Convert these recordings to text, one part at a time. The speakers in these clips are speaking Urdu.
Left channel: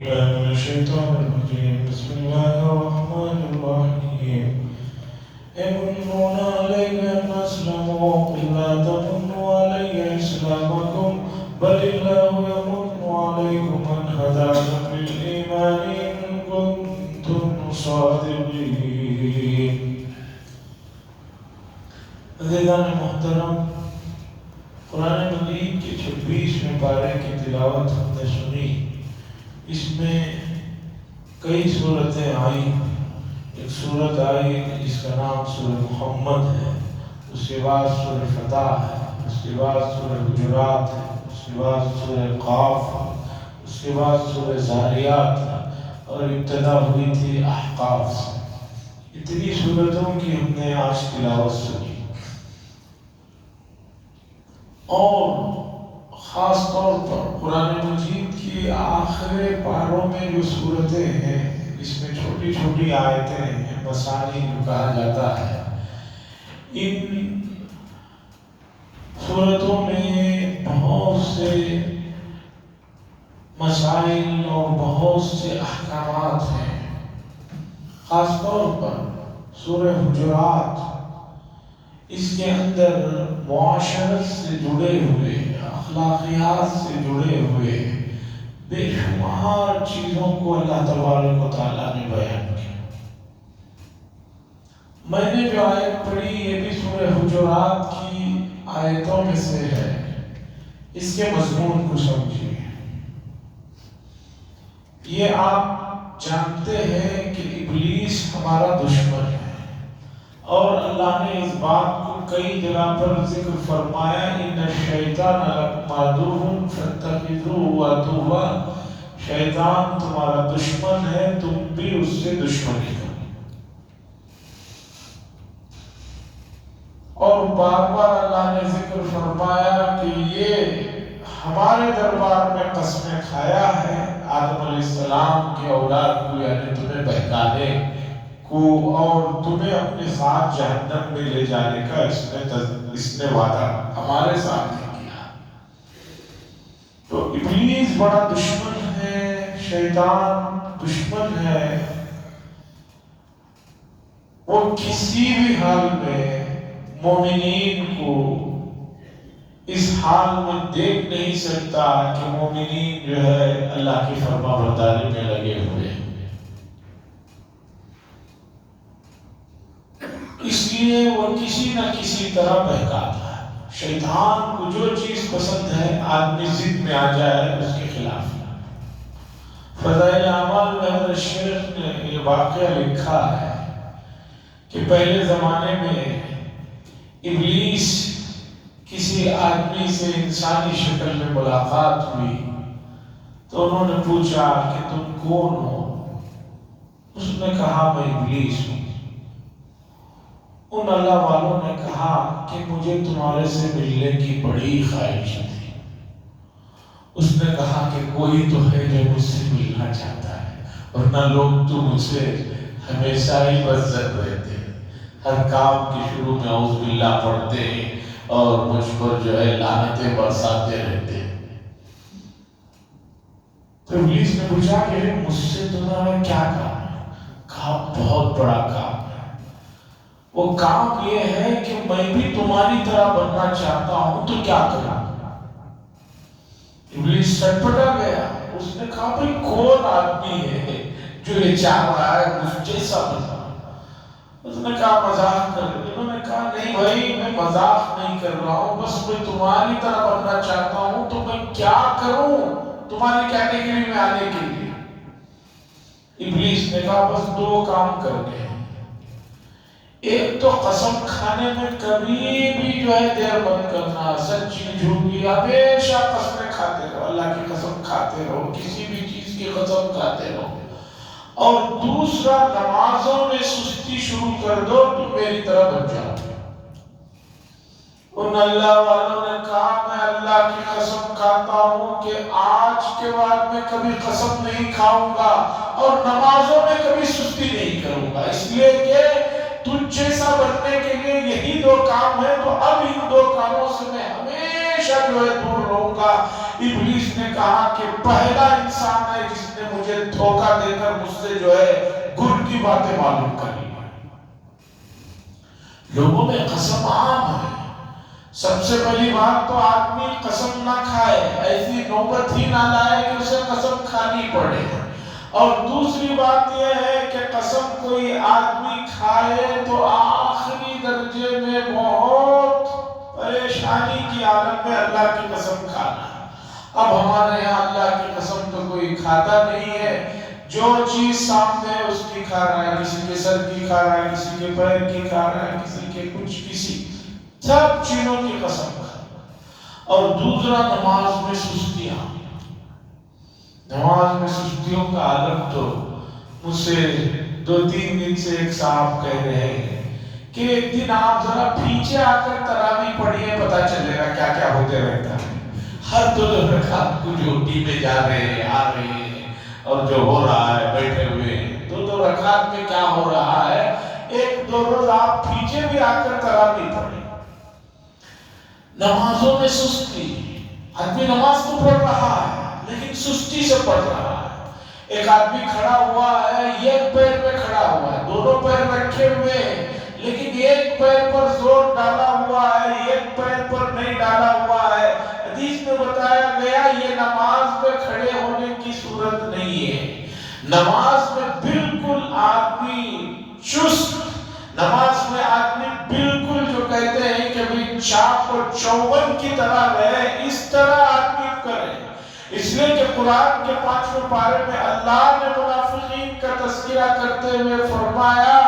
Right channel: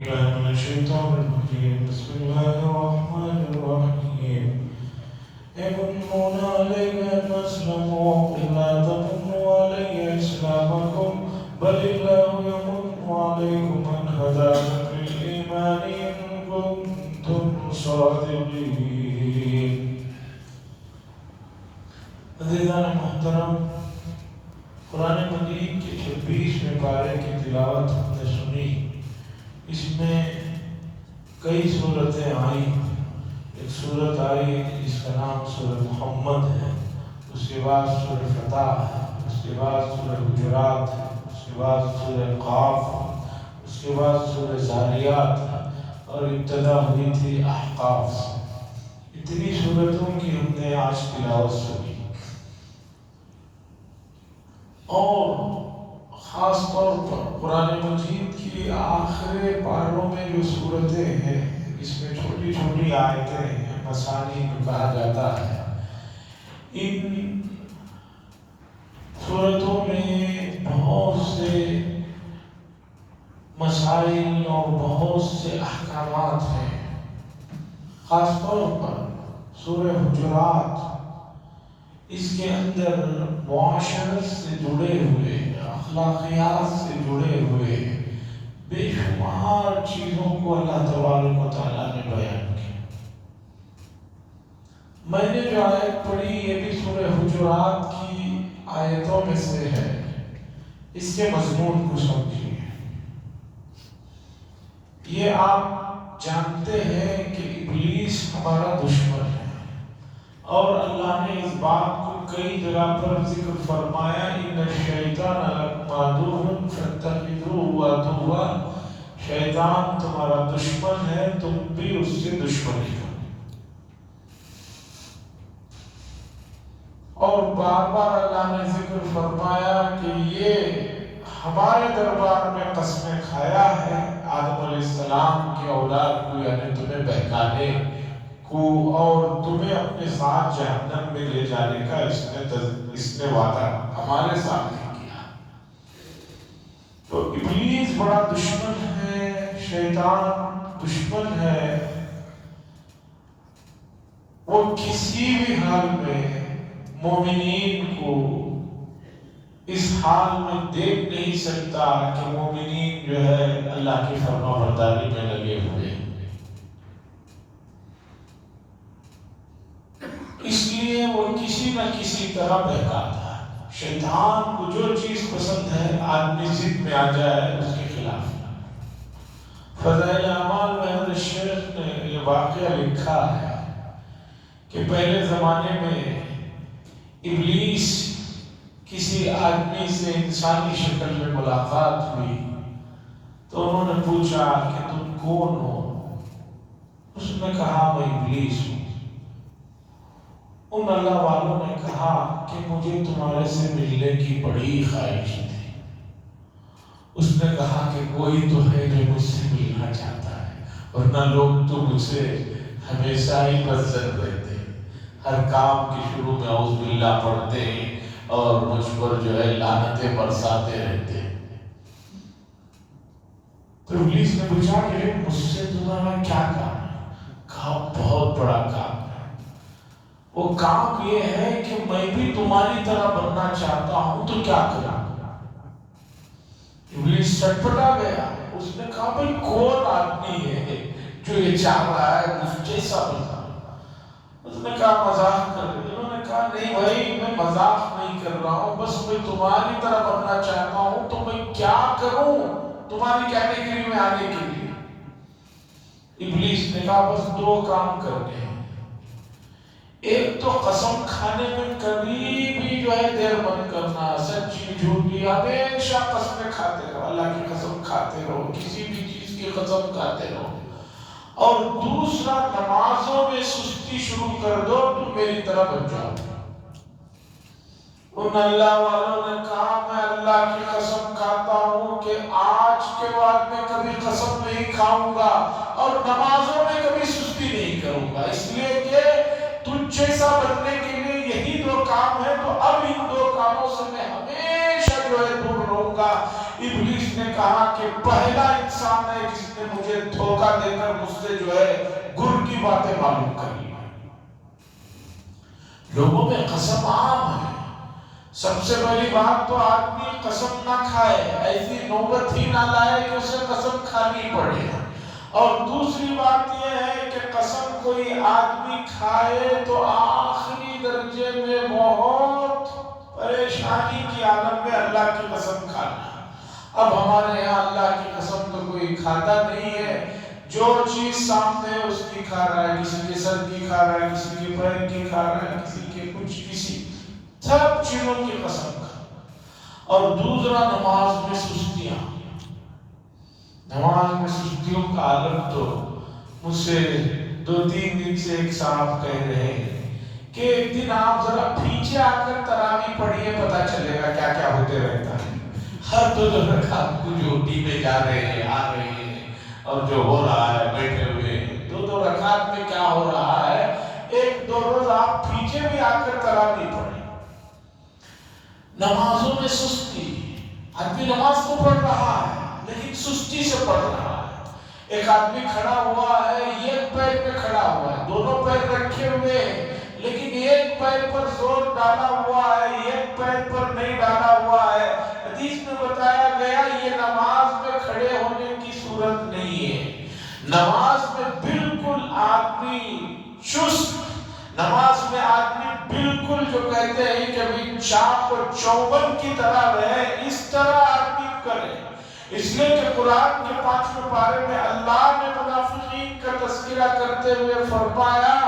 بالله من الشيطان الرجيم بسم الله الرحمن الرحيم يمنون عليك أن أسلموا قل لا تمنوا علي إسلامكم بل الله يمن عليكم أن هداكم للإيمان إن كنتم صادقين. عزیزان محترم، قرآن مجید کے 26ویں پارے کی تلاوت ہم نے سنی. اس میں کئی صورتیں آئیں. ایک صورت آئی جس کا نام سورہ محمد ہے، اس کے بعد سورہ فتح ہے، اس کے بعد سورہ حجرات ہے، اس کے بعد سورہ قاف ہے، اس کے بعد سورہ ذاریات ہے، اور ابتدا ہوئی تھی احقاف سے. اتنی صورتوں کی ہم نے آج تلاوت سنی. اور خاص طور پر قرآن مجید کی آخری پاروں میں جو صورتیں ہیں، اس میں چھوٹی چھوٹی آیتیں ہیں، مثانی جو کہا جاتا ہے. ان صورتوں میں بہت سے مسائل اور بہت سے احکامات ہیں. خاص طور پر سورہ حجرات اس کے اندر معاشرت سے جڑے ہوئے، اخلاقیات سے جڑے ہوئے بے شمار چیزوں کو اللہ تبارک و تعالیٰ نے بیان کیا. میں نے جو آیت پڑھی یہ بھی سورہ حجرات کی آیتوں میں سے ہے. اس کے مضمون کو سمجھیے. یہ آپ جانتے ہیں کہ ابلیس ہمارا دشمن ہے، اور اللہ نے اس بات کو کئی جگہ پر ذکر فرمایا، ان الشیطان لکم عدو فاتخذوہ عدوا. شیطان تمہارا دشمن ہے، تم بھی اس سے دشمنی کرو. اور بار بار اللہ نے ذکر فرمایا کہ یہ ہمارے دربار میں قسمیں کھایا ہے آدم علیہ السلام کی اولاد کو، یعنی تمہیں بہکانے کو اور تمہیں اپنے ساتھ جہنم میں لے جانے کا اس نے وعدہ ہمارے سامنے کیا. تو ابلیس بڑا دشمن ہے، شیطان دشمن ہے. وہ کسی بھی حال میں مومنین کو اس حال میں دیکھ نہیں سکتا کہ مومنین جو ہے اللہ کی فرما برداری میں لگے ہوئے ہیں. اس لیے وہ کسی نہ کسی طرح بہکاتا ہے. شیطان کو جو چیز پسند ہے آدمی ضد میں آ جائے اس کے خلاف. فضائل اعمال میں حضرت شیخ نے یہ واقعہ لکھا ہے کہ پہلے زمانے میں ابلیس کسی آدمی سے انسانی شکل میں ملاقات ہوئی تو انہوں نے پوچھا کہ تم کون ہو؟ اس نے کہا میں ابلیس ہوں. ان اللہ والوں نے کہا کہ مجھے تمہارے سے ملنے کی بڑی خواہش تھی. اس نے کہا کہ کوئی تو ہے جو مجھ سے ملنا چاہتا ہے، ورنہ لوگ تو مجھ سے ہمیشہ ہی بدظن رہتے ہیں، ہر کام کی شروع میں اعوذ باللہ پڑھتے ہیں اور مجھ پر جو ہے لعنتیں برساتے رہتے ہیں. تو ابلیس نے پوچھا کہ مجھ سے تمہارا کیا کام ہے؟ کہا بہت بڑا کام. وہ کام یہ ہے کہ میں بھی تمہاری طرح بننا چاہتا ہوں، تو کیا کروں؟ ابلیس سٹپٹا گیا. اس نے کہا بھئی کون آدمی ہے جو یہ چاہ رہا ہے مجھ جیسا بننا؟ اس نے کہا مذاق کر رہے. انہوں نے کہا نہیں بھائی میں مذاق نہیں کر رہا ہوں، بس میں تمہاری طرح بننا چاہتا ہوں، تو میں کیا کروں تمہاری کیٹیگری میں آنے کے لیے؟ ابلیس نے کہا بس دو کام کرنے ہیں. ایک تو قسم کھانے میں کبھی بھی جو ہے دیر بند کرنا، سچی جھوٹی ہمیشہ قسمیں کھاتے رہو، اللہ کی قسم کھاتے رہو، کسی بھی چیز کی قسم کھاتے رہو. اور دوسرا نمازوں میں سستی شروع کر دو تو میری طرح بن جاؤ. ان اللہ والوں نے کہا میں اللہ کی قسم کھاتا ہوں کہ آج کے بعد میں کبھی قسم نہیں کھاؤں گا اور نمازوں میں کبھی سستی نہیں کروں گا، اس لیے کہ تجھ جیسا بننے کے لیے یہی دو کام ہے. تو اب ان دو کاموں سے میں ہمیشہ جو ہے دور رہوں ہوگا. ابلیس نے کہا کہ پہلا انسان ہے جس نے مجھے دھوکہ دے کر مجھ سے جو ہے گر کی باتیں معلوم کری. لوگوں میں قسم عام ہے. سب سے پہلی بات تو آدمی قسم نہ کھائے، ایسی نوبت ہی نہ لائے کہ اسے قسم کھانی پڑے. اور دوسری بات یہ ہے کہ قسم کوئی آدمی کھائے تو آخری درجے میں بہت پریشانی کی حالت میں اللہ کی قسم کھانا. اب ہمارے یہاں اللہ کی قسم تو کوئی کھاتا نہیں ہے. جو چیز سامنے ہے اس کی کھا رہا ہے، کسی کے سر کی کھا رہا ہے، کسی کے پیر کی کھا رہا ہے، کسی کے کچھ، کسی سب چیزوں کی قسم کھا. اور دوسرا نماز میں سستیاں. نماز میں سستیوں کا عالم تو مجھ سے 2-3 دن سے ایک صاحب کہہ رہے ہیں کہ ایک دن آپ ذرا پیچھے آ کر تراویح پڑھیے، پتا چلے گا کیا کیا ہوتے رہتا ہے. ہر 2 رکعت کو جو ٹی پہ جا رہے ہیں، آ رہے ہیں، اور جو ہو رہا ہے بیٹھے ہوئے 2 رکعت میں کیا ہو رہا ہے. 1-2 روز آپ پیچھے بھی آ کر تراویح پڑھیں. نمازوں میں سستی. آدمی نماز تو پڑھ رہا ہے لیکن سستی سے پڑھ رہا ہے. ایک آدمی کھڑا ہوا ہے، ایک پیر پہ کھڑا ہوا ہے، 2 پیر رکھے ہوئے لیکن ایک پیر پر زور ڈالا ہوا ہے، ایک پیر پر نہیں ڈالا ہوا ہے. حدیث میں بتایا گیا یہ نماز میں کھڑے ہونے کی صورت نہیں ہے. نماز میں بالکل آدمی چست، نماز میں آدمی بالکل جو کہتے ہیں کہ بھی چاق اور چوبن کی طرح رہے، اس طرح آدمی کرے. اس لیے کہ قرآن کے 5ویں پارے میں اللہ نے منافقین کا تذکرہ کرتے ہوئے فرمایا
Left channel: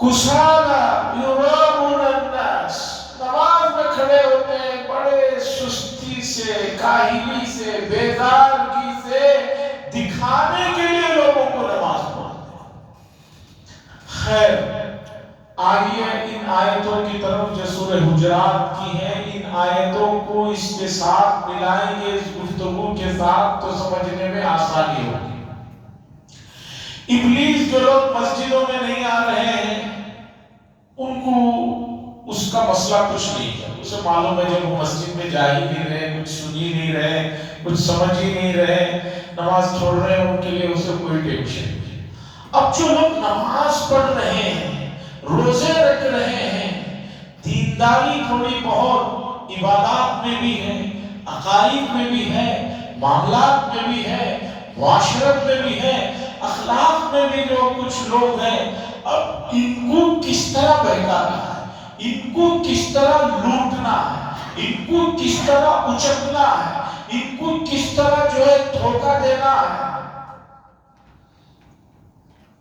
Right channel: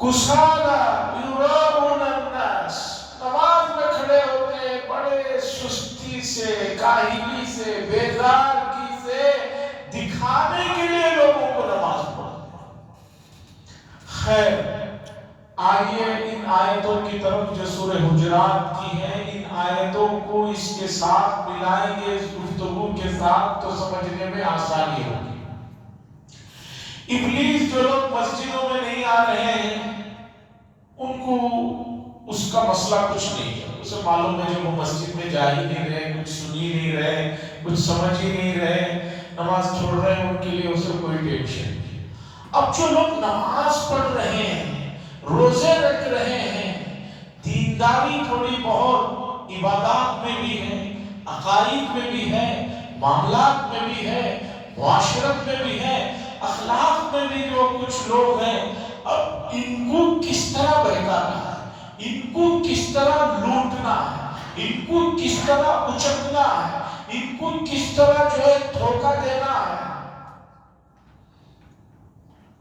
کسالا یراؤن الناس. نماز میں کھڑے ہوتے ہیں بڑے سستی سے، کاہلی سے، بیدارگی سے، دکھانے کے لیے لوگوں کو نماز پڑھتے ہیں. خیر، آئیے ان آیتوں کی طرف جو سورہ حجرات کی ہیں، ان آیتوں کو اس کے ساتھ ملائیں گے، اس گفتگو کے ساتھ، تو سمجھنے میں آسانی ہوگی. ابلیس جو لوگ مسجدوں میں نہیں آ رہے ہیں ان کو اس کا مسئلہ کچھ نہیں ہے. اسے معلوم ہے جب وہ مسجد میں جا ہی نہیں رہے، کچھ سن ہی نہیں رہے، کچھ سمجھ ہی نہیں رہے، نماز چھوڑ رہے ہیں، ان کے لیے اسے کوئی ٹینشن نہیں. اب جو لوگ نماز پڑھ رہے ہیں، روزے رکھ رہے ہیں، دینداری تھوڑی بہت عبادات میں بھی ہے، عقائد میں بھی ہے، معاملات میں بھی ہے، معاشرت میں بھی ہے، اخلاق میں بھی جو کچھ لوگ ہیں، اب ان کو کس طرح بہکانا ہے، ان کو کس طرح لوٹنا ہے، ان کو کس طرح اچکنا ہے، ان کو کس طرح جو ہے دھوکہ دینا ہے.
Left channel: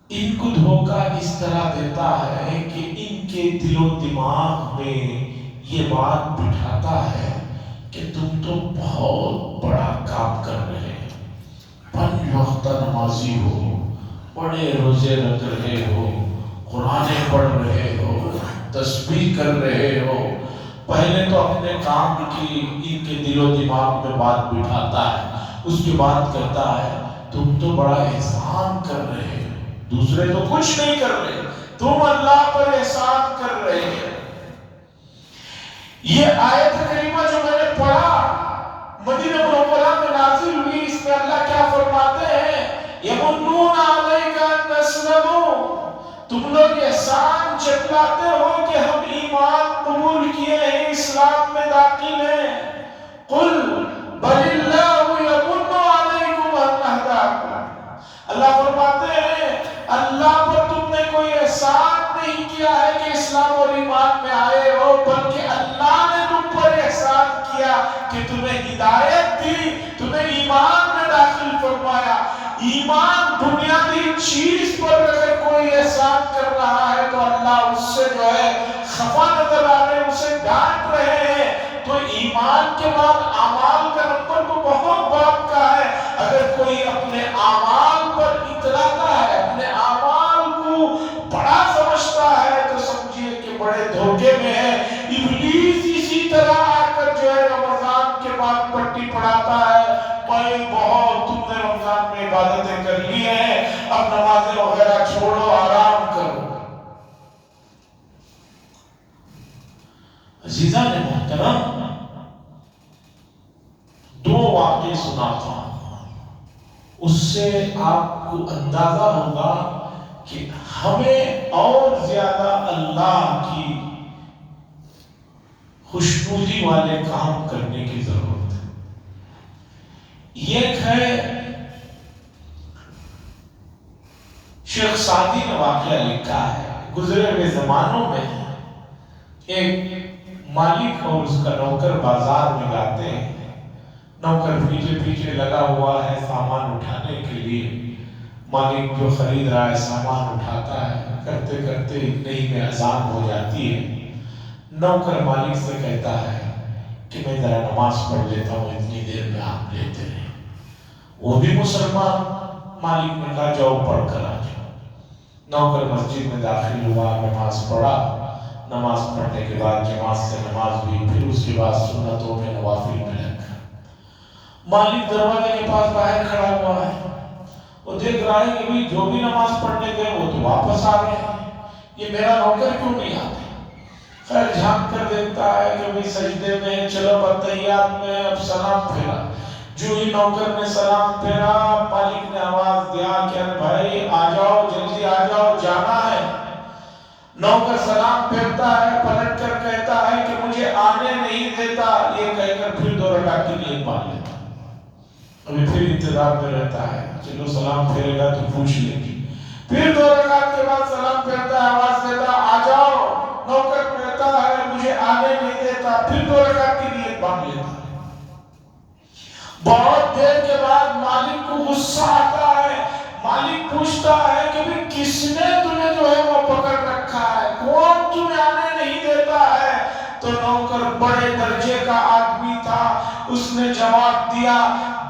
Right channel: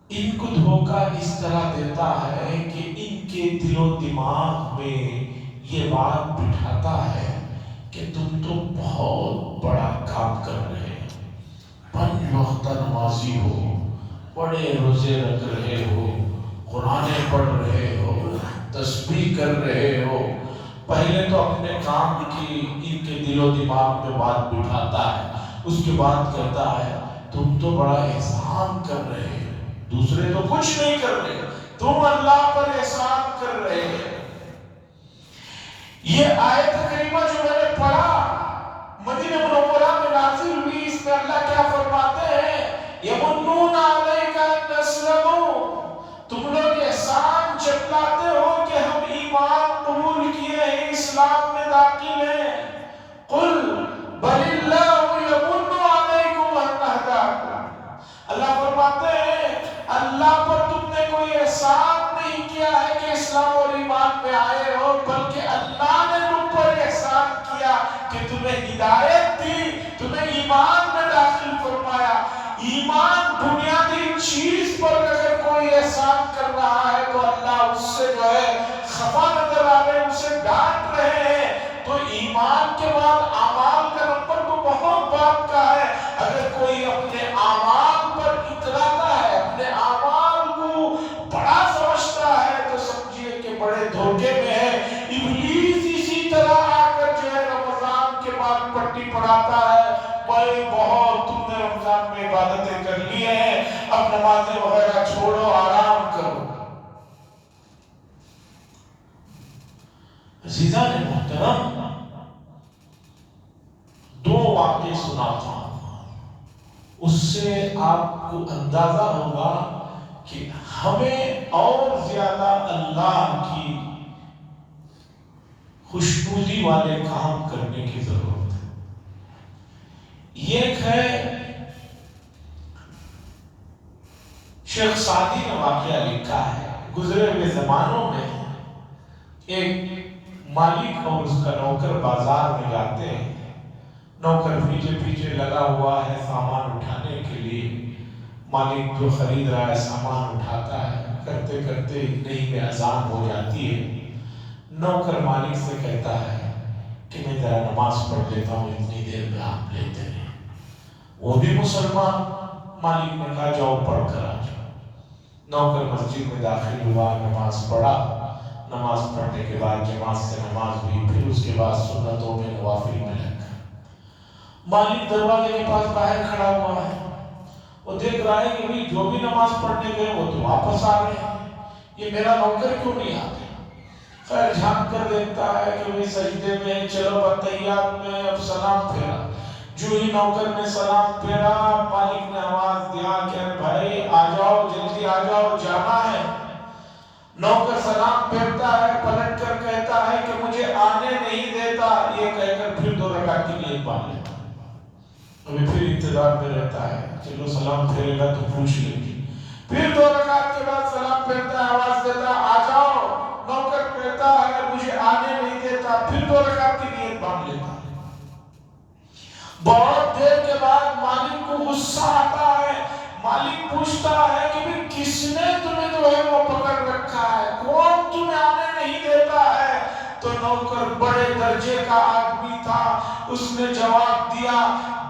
ان کو دھوکہ اس طرح دیتا ہے کہ ان کے دل و دماغ میں یہ بات بٹھاتا ہے کہ تم تو بہت بڑا کام کر رہے ہو، 5 وقت نمازی ہو، بڑے روزے رکھ رہے ہو، قرآن پڑھ رہے ہو، تسبیح کر رہے ہو. پہلے تو اپنے کام کی ان کے دل و دماغ میں بات بٹھاتا ہے، اس کے بعد کہتا ہے تم تو بڑا احسان کر رہے ہو، دوسرے تو کچھ نہیں کر رہے، تم اللہ پر احسان کر رہے ہیں. یہ آیت کریمہ جو میں نے پڑھا مدینہ منورہ میں نازل ہوئی، اس میں اللہ کیا فرماتے ہیں؟ یمنون علیک ان اسلموا، تم لوگ احسان جتلاتے ہو کہ ہم ایمان قبول کیے ہیں، اسلام میں داخل ہیں. قل بل اللہ یمن علیکم ان ہداکم، اللہ فرماتے ہیں اللہ پر تم نے کوئی احسان نہیں کیا ہے کہ اسلام اور ایمان میں آئے ہو، بلکہ اللہ نے تم پر احسان کیا کہ تمہیں ہدایت دی، تمہیں ایمان میں داخل فرمایا. ایمان بنیادی چیز پر اگر کوئی احسان کر رہا ہے تو اللہ اس سے جو ہے خفا نظر آ رہے، اسے ڈانٹ رہے ہیں. تو ایمان کے بعد اعمال کا نمبر تو بہت بات کا ہے. اگر کوئی اپنے اعمال پر اتراتا ہے، اپنے اعمال کو بڑا سمجھتا ہے، تو سمجھیے کہ بڑے دھوکے میں ہے. ابلیس اسی طرح آ کر جو ہے رمضان کے بعد پٹی پڑھاتا ہے، بھائی بہت تم نے رمضان میں عبادتیں کر لی ہیں، اب نمازیں وغیرہ چھوڑو، آرام کرو. عزیزان محترم، سناتا ہوں، اس سے آپ کو اندازہ ہوگا کہ ہمیں اور زیادہ اللہ کی خوشنودی والے کام کرنے کی ضرورت ہے۔ یہ ہے شیخ سعدی نے واقعہ لکھا ہے، گزرے ہوئے زمانوں میں ایک مالک اور اس کا نوکر بازار میں جاتے ہیں، نوکر پیچھے پیچھے لگا ہوا ہے سامان اٹھانے کے لیے، مالک جو خرید رہا ہے سامان اٹھاتا ہے، کرتے کرتے اتنے ہی میں اذان ہو جاتی ہے، نوکر مالک سے کہتا ہے کہ میں ذرا نماز پڑھ لیتا ہوں، اتنی دیر میں آپ لیتے ہیں۔ وہ بھی مسلمان، مالک نے کہا جاؤ پڑھ کر آ جاؤ۔ نوکر مسجد میں داخل ہوا، نماز پڑھا، نماز پڑھنے کے بعد جماعت سے نماز ہوئی، پھر اس کے بعد سنتوں میں نوافل میں لگ گیا۔ مالک دروازے کے پاس باہر کھڑا ہوا ہے، وہ دیکھ رہا ہے کہ بھی جو بھی نماز پڑھنے گئے وہ تو واپس آ گئے ہیں، یہ میرا نوکر کیوں نہیں آتا؟ خیر جھانک کر دیکھتا ہے کہ وہ سجدے میں، چلو بتیات میں، اب سلام پھیرا۔ جو ہی نوکر نے سلام پھیرا، مالک نے آواز دیا کہ بھائی آ جاؤ، جلدی آ جاؤ، جانا ہے۔ نوکر سلام پھیرتا ہے، پلٹ کر کہتا ہے کہ مجھے آنے نہیں دیتا، یہ کہہ کر پھر 2 رکعت کی نیت مان لیتا، ابھی پھر انتظار میں رہتا ہے، چلو سلام پھیرے گا تو پوچھ لیں گے۔ پھر 2 رکعت کے بعد سلام پھیرتا ہے، آواز دیتا آ جاؤ، نوکر کہتا ہے مجھے آنے نہیں دیتا، پھر 2 رکعت کی نیت مان لیتا۔ بہت دیر کے بعد مالک کو غصہ آتا ہے، مالک پوچھتا ہے کہ بھی کس نے تمہیں جو ہے وہ پکڑ رکھا ہے، کون تمہیں آنے نہیں دیتا ہے؟ تو نوکر بڑے درجے کا آدمی تھا، اس نے جواب دیا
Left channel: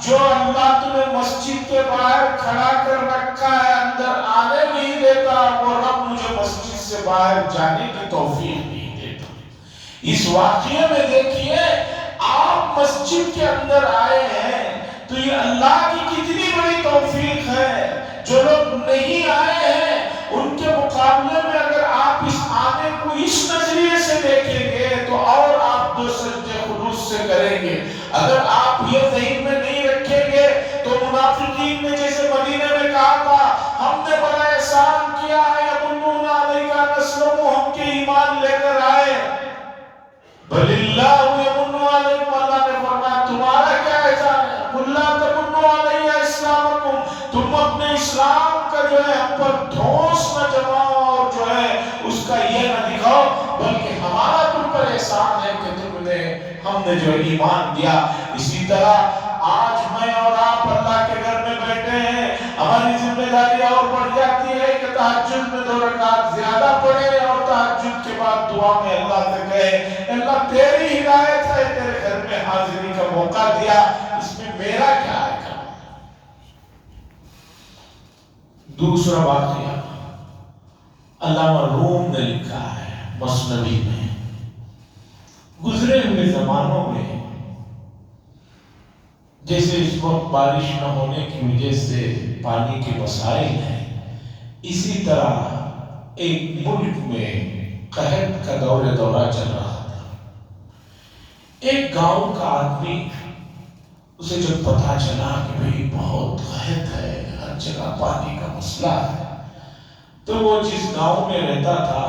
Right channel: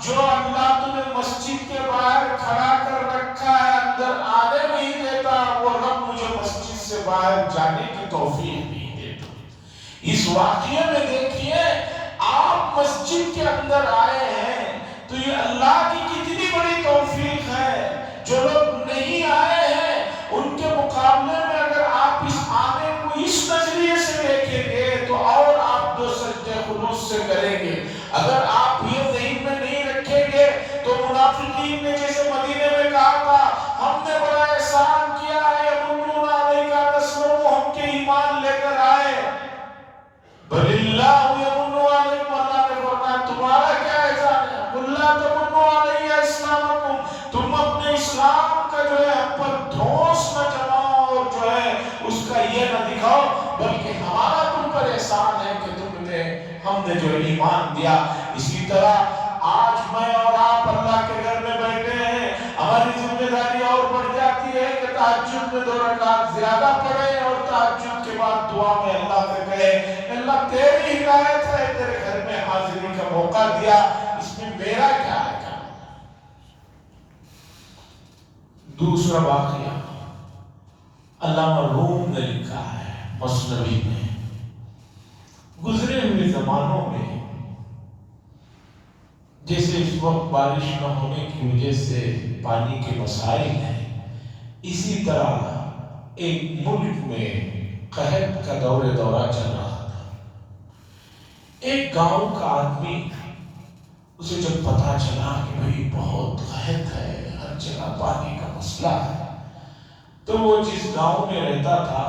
جو اللہ تمہیں مسجد کے باہر کھڑا کر رکھا ہے، اندر آنے نہیں دیتا، وہ رب مجھے مسجد سے باہر جانے کی توفیق نہیں دیتا۔ اس واقعے میں دیکھیے آپ مسجد کے اندر آئے ہیں تو یہ اللہ کی کتنی بڑی توفیق ہے۔ جو لوگ نہیں آئے ہیں ان کے مقابلے میں اگر آپ اس آنے کو اس نظریے سے دیکھیں گے تو اور آپ 2 سجدے خلوص سے کریں گے۔ اگر آپ یہ ذہن میں نہیں رکھیں گے تو منافقین نے جیسے مدینے میں کہا تھا ہم نے بڑا احسان کیا ہے، یمنون علیک ان اسلموا، ہم کے ایمان لے کر آئے، بل اللہ یمن علیکم، اللہ نے فرمایا تمہارا کیا احسان ہے، قل لا تمنوا علی اسلامکم، تم اپنے اسلام کا جو ہے ہم پر دھوس نہ جماؤ اور جو ہے اس کا یہ نہ دکھاؤ، بلکہ ہمارا تم پر احسان ہے کہ ہم نے جو ایمان دیا۔ اسی طرح آج میں اور آپ اللہ کے گھر میں بیٹھے ہیں، ہماری ذمہ داری اور بڑھ جاتی ہے کہ تہجد میں 2 رکعت زیادہ پڑھیں اور تہجد کے بعد دعا میں اللہ سے کہے اللہ تیری ہدایت ہے، تیرے گھر میں حاضری کا موقع دیا، اس میں میرا کیا ہے؟ دوسرا واقعہ علامہ روم نے لکھا ہے مثنوی میں، گزرے ہوئے زمانوں میں جیسے اس وقت بارش نہ ہونے کی وجہ سے پانی کے مسائل ہیں، اسی طرح ایک ملک میں قحط کا دورہ چل رہا تھا۔ ایک گاؤں کا آدمی، اسے جب پتا چلا کہ بھئی بہت قحط ہے، ہر جگہ پانی کا مسئلہ ہے، تو وہ جس گاؤں میں رہتا تھا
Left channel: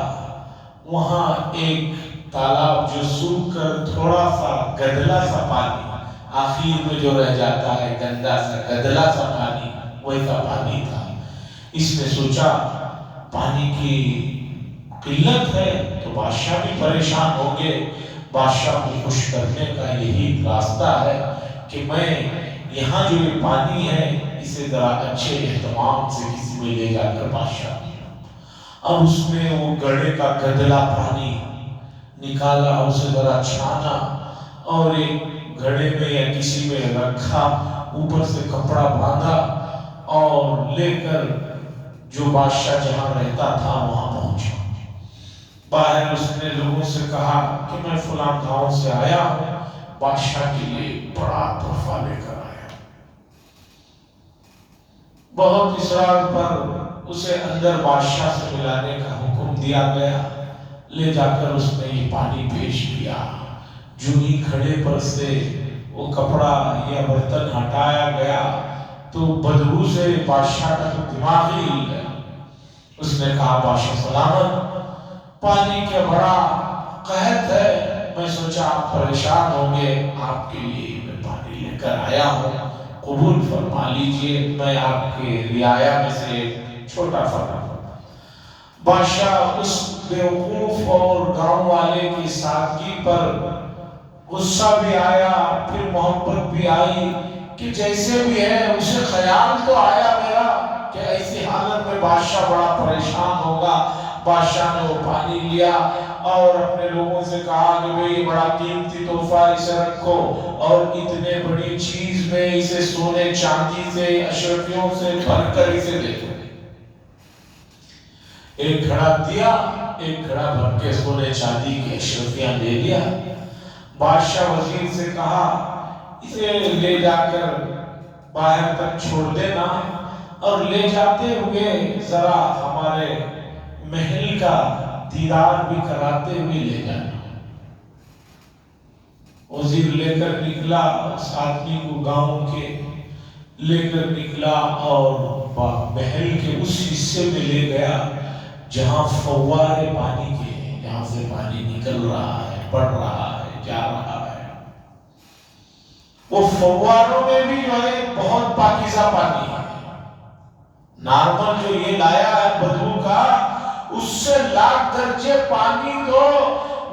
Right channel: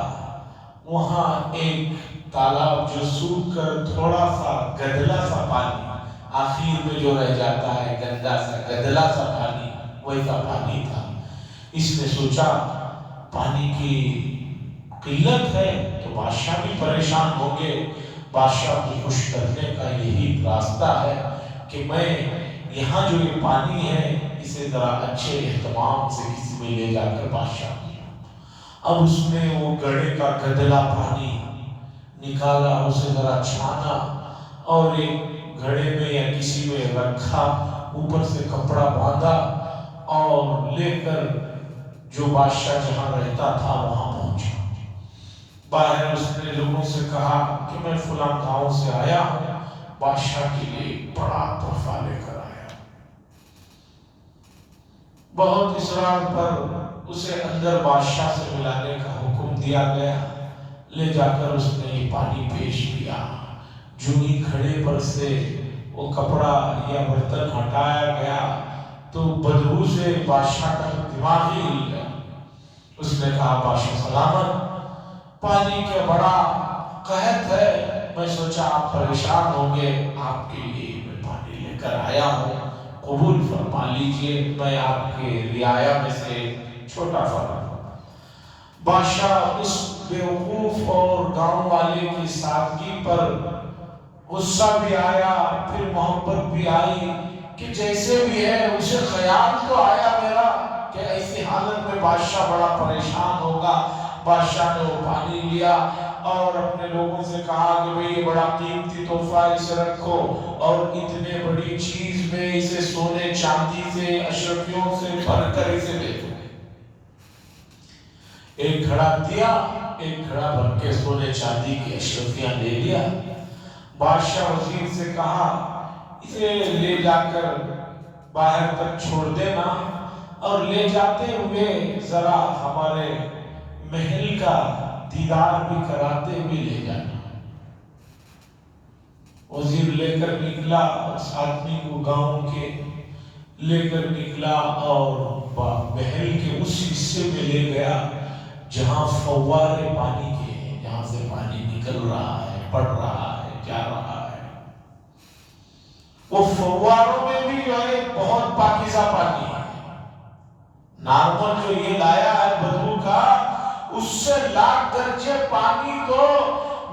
وہاں ایک تالاب جو سوکھ کر تھوڑا سا گدلا سا پانی، آخر میں جو رہ جاتا ہے گندا سا گدلا سا پانی، ویسا پانی تھا۔ اس نے سوچا پانی کی قلت ہے تو بادشاہ بھی پریشان ہوں گے، بادشاہ کو خوش کرنے کا یہی راستہ ہے کہ میں یہاں جو یہ پانی ہے اسے ذرا اچھے اہتمام سے کسی میں لے جا کر بادشاہ دیا۔ اب اس نے وہ گڑھے کا گدلا پانی نکالا، اسے ذرا چھانا اور ایک گھڑے میں یا کسی میں رکھا، اوپر سے کپڑا باندھا اور لے کر جو بادشاہ جہاں رہتا تھا وہاں پہنچا۔ باہر اس نے لوگوں سے کہا کہ میں فلاں گاؤں سے آیا ہوں، بادشاہ کے لیے بڑا تحفہ لے کر آیا۔ بہت اصرار پر اسے اندر بادشاہ سے ملانے کا حکم دیا گیا، لے جا کر اس نے یہ پانی پیش کیا۔ جو ہی کھڑے پر سے وہ کپڑا یا برتن ہٹایا گیا تو بدبو سے بادشاہ کا دماغ ہی ہل گیا. اس نے کہا بادشاہ سلامت، پانی کا بڑا قحط ہے، میں سوچا آپ پریشان ہوں گے، آپ کے لیے میں پانی لے کر آیا ہوں، قبول فرما لیجئے، میں آپ کے رعایا میں سے چھوٹا فرما. بادشاہ اس بیوقوف اور گاؤں والے کی سادگی پر غصہ بھی آیا، پھر محبت بھی آئی کہ جیسے بھی ہے. اسے خیال تو آیا میرا کہ ایسی حالت میں بادشاہ بڑا پریشان ہوگا. بادشاہ نے وہ پانی لیا اور اپنے لوگوں سے کہا کہ بھئی بڑا قیمتی تحفہ اسے رکھو، اور اتنے بڑی چیز میں اسے سونے چاندی سے اشرفیوں سے بھر کر اسے دے دو. ایک گھڑا دیا، ایک گھڑا بھر کے سونے چاندی کی اشرفیاں دے دیا. بادشاہ وزیر سے کہا اسے لے جا کر باہر تک چھوڑ دینا، اور لے جاتے ہوئے ذرا ہمارے محل کا دیدار بھی کراتے ہوئے لے جانا. وزیر لے کر نکلا، اس آدمی کو گاؤں کے لے کر نکلا اور محل کے اس حصے میں لے گیا جہاں فوارے پانی کے ہیں، جہاں سے پانی نکل رہا ہے، پڑ رہا ہے، جا رہا ہے. وہ فواروں میں بھی جو ہے بہت پاکیزہ پانی ہے. نارمل جو یہ لایا ہے بدبو کا، اس سے لاکھ درجے پانی تو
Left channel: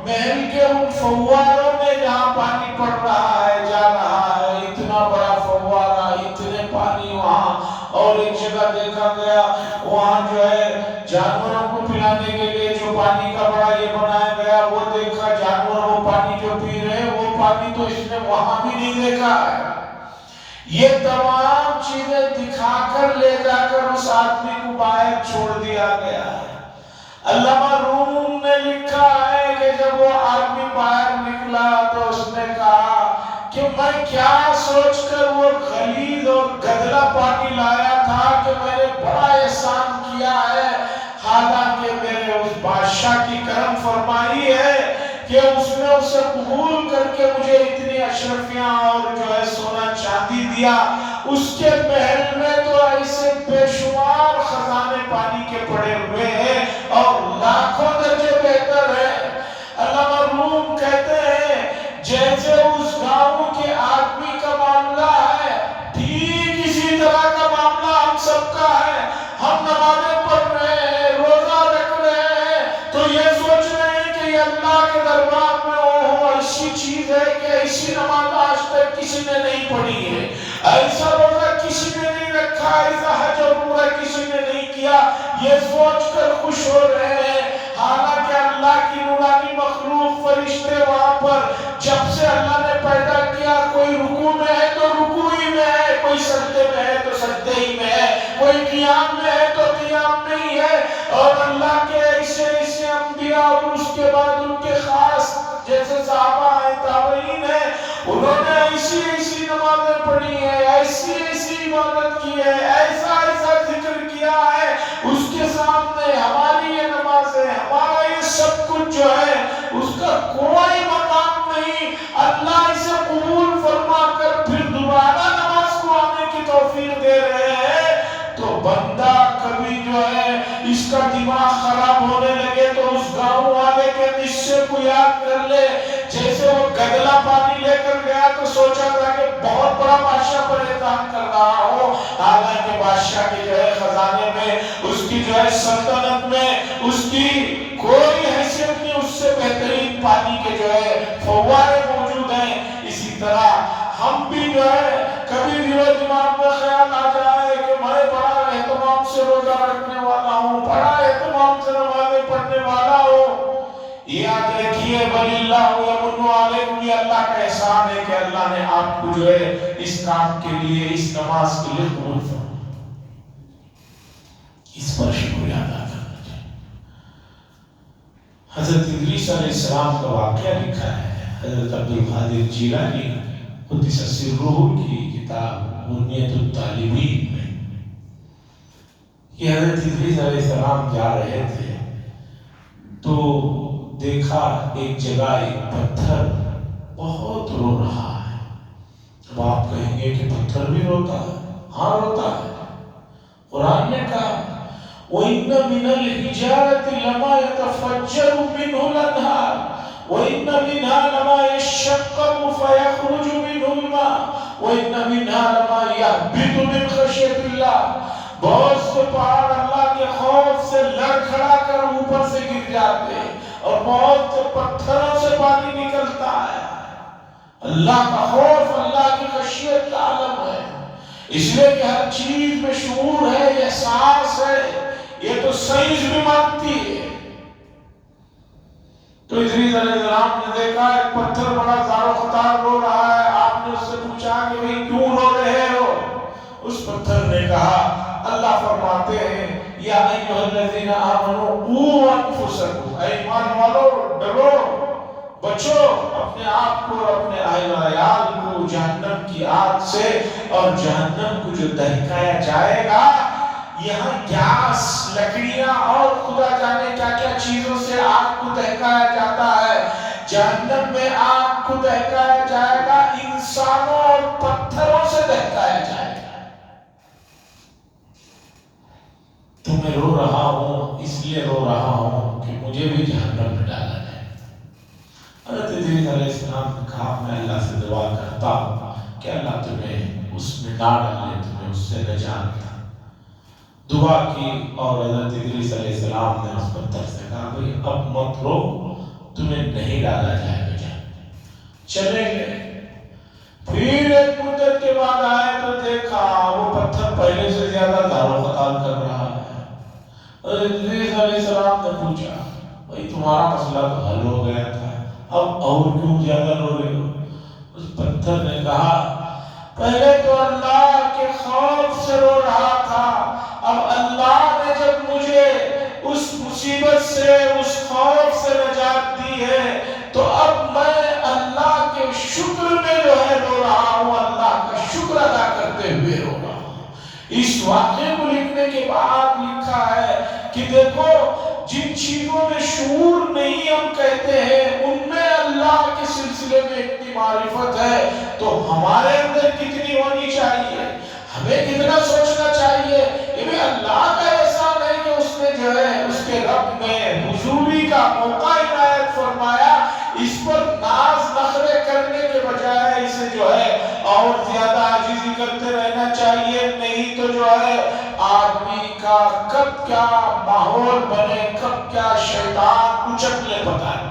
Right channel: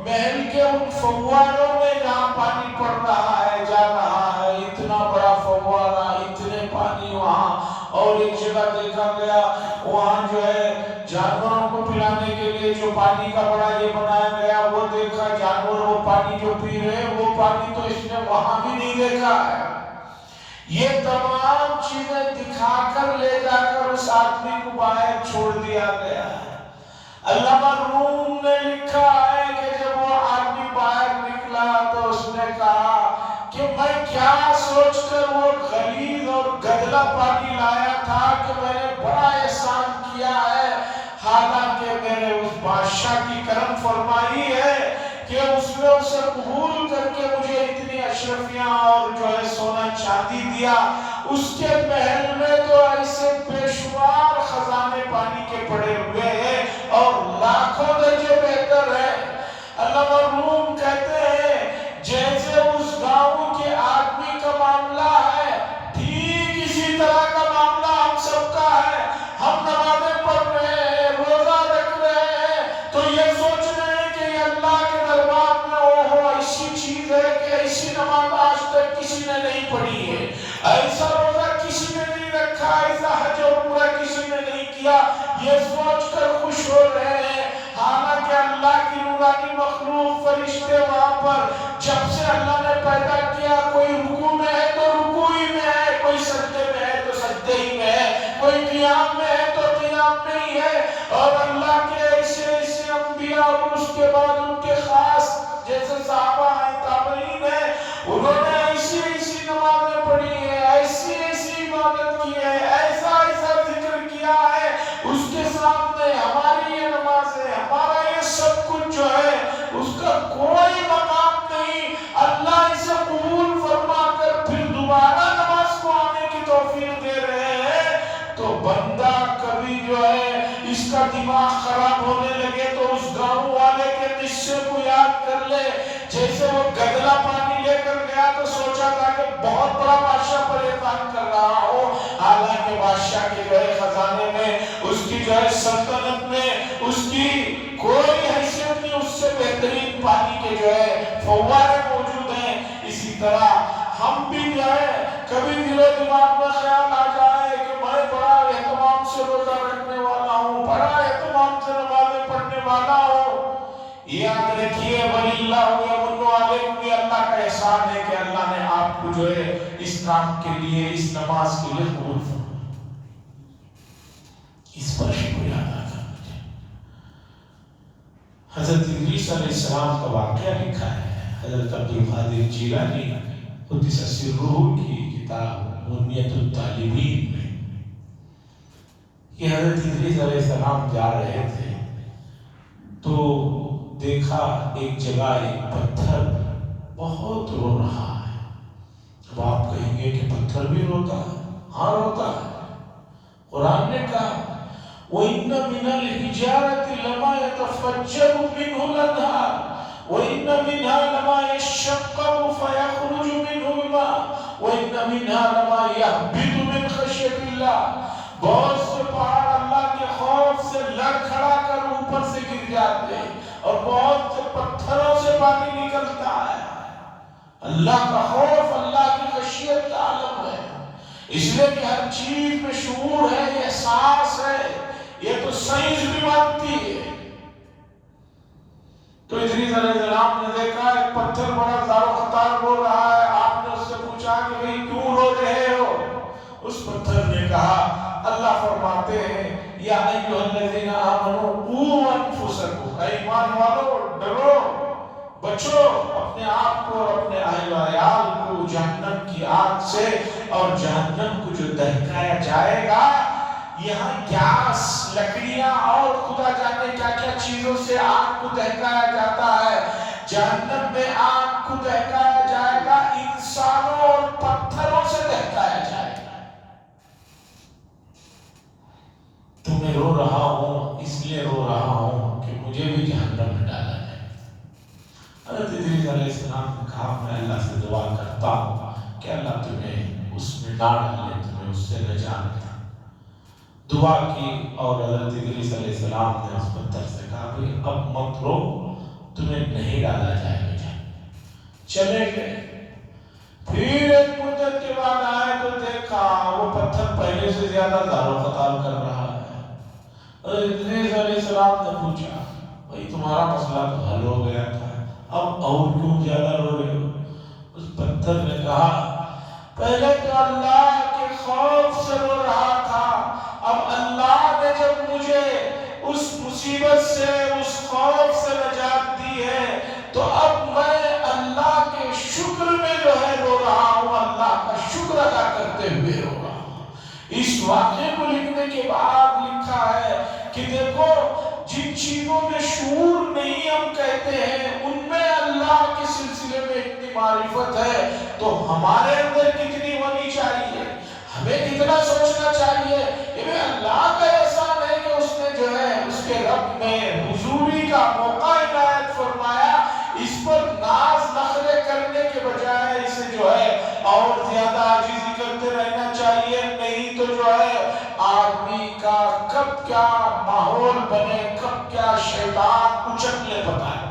محل کے ان فواروں میں جہاں پانی پڑ رہا ہے، جا رہا ہے. اتنا بڑا فوارہ، اتنے پانی وہاں. اور ایک جگہ دیکھا گیا وہاں جو ہے جانوروں کو پلانے کے لیے جو پانی کا بڑا یہ بنایا گیا، وہ دیکھا جانور وہ پانی جو پی رہے ہیں، وہ پانی تو اس نے وہاں بھی نہیں دیکھا ہے. یہ تمام چیزیں دکھا کر لے جا کر اس آدمی کو باہر چھوڑ دیا گیا ہے. علامہ روم نے لکھا ہے کہ جب وہ آدمی باہر نکلا تو اس نے کہا کہ میں کیا سوچ کر وہ غلیظ اور گدلا پانی لایا تھا کہ میں نے بڑا احسان کیا ہے. حالانکہ میرے اس بادشاہ کی کرم فرمائی ہے کہ اس نے اسے قبول کر کے مجھے اتنی اشرفیاں اور جو ہے سونا چاندی دیا. اس کے محل میں تو ایسے بے شمار خزانے پانی کے پڑے ہوئے ہیں اور لاکھوں درجے بہتر ہے. علامہ روم کہتے ہیں جیسے اس گاؤں کے آدمی کا معاملہ ہے، ٹھیک اسی طرح کا معاملہ ہم سب کا ہے. ہم نمازیں پڑھ رہے ہیں، روزہ رکھ رہے ہیں، تو یہ سوچ رہے ہیں کہ یہ اللہ کے دربار میں ایسی چیز ہے کہ ایسی نماز آج تک کسی نے نہیں پڑھی ہے، ایسا روزہ کسی نے نہیں رکھا، ایسا حج اور عمرہ کسی نے نہیں کیا. یہ سوچ کر خوش ہو رہے ہیں. حالانکہ اللہ کی نورانی مخلوق فرشتے وہاں پر جب سے اللہ نے پیدا کیا، کوئی رکوع میں ہے تو رکوع ہی میں ہے، کوئی سجدے میں ہے تو سجدے ہی میں ہے، کوئی قیام میں ہے تو قیام میں ہی ہے. اور اللہ کے ایسے ایسے انبیاء اور اس کے بعد ان کے خاص جیسے صحابہ ہیں، تابعین ہیں، انہوں نے ایسی ایسی نمازیں پڑھی ہیں، ایسی ایسی عبادت کی ہے، ایسا ایسا ذکر کیا ہے. اس کے سامنے ہماری یہ نمازیں، ہمارا یہ سب کچھ جو ہے اس کا کوئی مقام نہیں. اللہ اسے قبول فرما کر پھر دوبارہ نماز کو آنے کی توفیق دے رہے ہیں. تو بندہ کبھی جو ہے اس کا دماغ خراب ہونے لگے تو اس گاؤں والے کے قصے کو یاد کر لے. جیسے وہ گدلا پانی لے کر گیا تو سوچا تھا کہ بہت بڑا بادشاہ پر احسان کر رہا ہوں، حالانکہ بادشاہ کے جو ہے خزانے میں، اس کی جو ہے سلطنت میں اس کی کوئی حیثیت نہیں. اس سے بہترین پانی کے جو ہے فوارے موجود ہیں. اسی طرح ہم بھی جو ہے کبھی بھی وہ دماغ میں خیال آ جائے کہ میں بڑا اہتمام سے روزہ رکھنے والا ہوں، بڑا اہتمام سے نمازیں پڑھنے والا ہوں، یاد رکھیے وَلِلَّهُ يَمُنُّ عَلَيْكُمْ، یہ اللہ کا احسان ہے کہ اللہ نے آپ کو جو ہے اس کام کے لیے، اس نماز کے لیے قبول فرمایا. اس پر شکریہ ادا کرنا چاہیے. حضرت ادریس علیہ السلام کا واقعہ لکھا ہے حضرت عبدالقادر جیلانی قدس سرہ کی کتاب بنیۃ الطالبین میں. کہ حضرت ادریس علیہ السلام جا رہے تھے تو دیکھا ایک جگہ ایک پتھر بہت رو رہا ہے. اب آپ کہیں گے کہ پتھر بھی روتا ہے، ہاں روتا ہے۔ قرآن نے کہا وَإِنَّ مِنَ الْحِجَارَةِ لَمَا يَتَفَجَّرُ مِنْهُ الْأَنْهَارُ وَإِنَّ مِنْهَا لَمَا يَشَّقَّقُ فَيَخْرُجُ مِنْهُ الْمَاءُ وَإِنَّ مِنْهَا لَمَا يَهْبِطُ مِنْ خَشْيَةِ اللَّهِ، بہت سے پہاڑ اللہ کے خوف سے لڑکھڑا کر اوپر سے گر جاتے ہیں، اور بہت سے پتھروں سے پانی نکلتا ہے۔ اللہ کا خوف اللہ کی خشیت کا عالم ہے، اس لیے کہ ہر چیز میں شعور ہے، احساس ہے، یہ تو سائنس بھی مانتی ہے۔ تو ادریس علیہ السلام نے دیکھا ایک پتھر بڑا زار و خطار رو رہا ہے، آپ نے اس سے پوچھا کہ بھئی کیوں رو رہے ہو؟ اس پتھر نے کہا، اللہ فرماتے ہیں یا ایھا الذین آمنوا قوا انفسکم، اے ایمان والو ڈرو، بچو اپنے آپ کو اور اپنے اہل و عیال کو جہنم کی آگ سے، اور جہنم کو جو دہکایا جائے گا، یہاں گیس، لکڑیاں اور خدا جانے کیا کیا چیزوں سے آگ کو دہکایا جاتا ہے، جہنم میں آگ کو دہکایا جائے گا انسانوں اور پتھروں سے دہکایا جائے گا۔ تو میں رو رہا ہوں، اس لیے رو رہا ہوں کہ مجھے بھی جہنم میں ڈالا جائے۔ حضرت ادریس علیہ السلام نے کہا میں اللہ سے دعا کرتا ہوں کہ اللہ تمہیں اس میں نہ ڈالے، تمہیں اس سے نجات دے۔ دعا کی اور حضرت ادریس علیہ السلام نے اس پتھر سے کہا بھئی اب مت رو، تمہیں نہیں ڈالا جائے گا جہنم۔ چلے گئے، پھر ایک مدت کے بعد آئے تو دیکھا وہ پتھر پہلے سے زیادہ دار و خطار کر رہا ہے۔ حضرت ادریس علیہ السلام نے پوچھا بھئی تمہارا مسئلہ تو حل ہو گیا تھا، اب اور کیوں زیادہ رو رہے ہو؟ اس پتھر نے کہا پہلے تو اللہ کے خوف سے رو رہا تھا، اب اللہ نے جب مجھے اس مصیبت سے، اس خوف سے نجات دی ہے، تو اب میں اللہ کے شکر میں جو ہے رو رہا ہوں، اللہ کا شکر ادا کرتے ہوئے رو رہا ہوں۔ اس واقعے کو لکھنے کے بعد لکھا ہے کہ دیکھو جن چیزوں میں شعور نہیں ہم کہتے ہیں ان میں اللہ کے سلسلے میں اتنی معرفت ہے، تو ہمارے اندر کتنی ہونی چاہیے، ہمیں کتنا سوچنا چاہیے کہ اللہ کا احسان ہے کہ اس نے جو ہے اس کے رب نے حضوری کا موقع عنایت فرمایا، اس پر ناز نخرے کرنے کے بجائے اسے جو ہے اور زیادہ عاجزی کرتے رہنا چاہیے، نہیں تو جو ہے آدمی کا کب کیا ماحول بنے، کب کیا شیطان کچک لے پتا ہے۔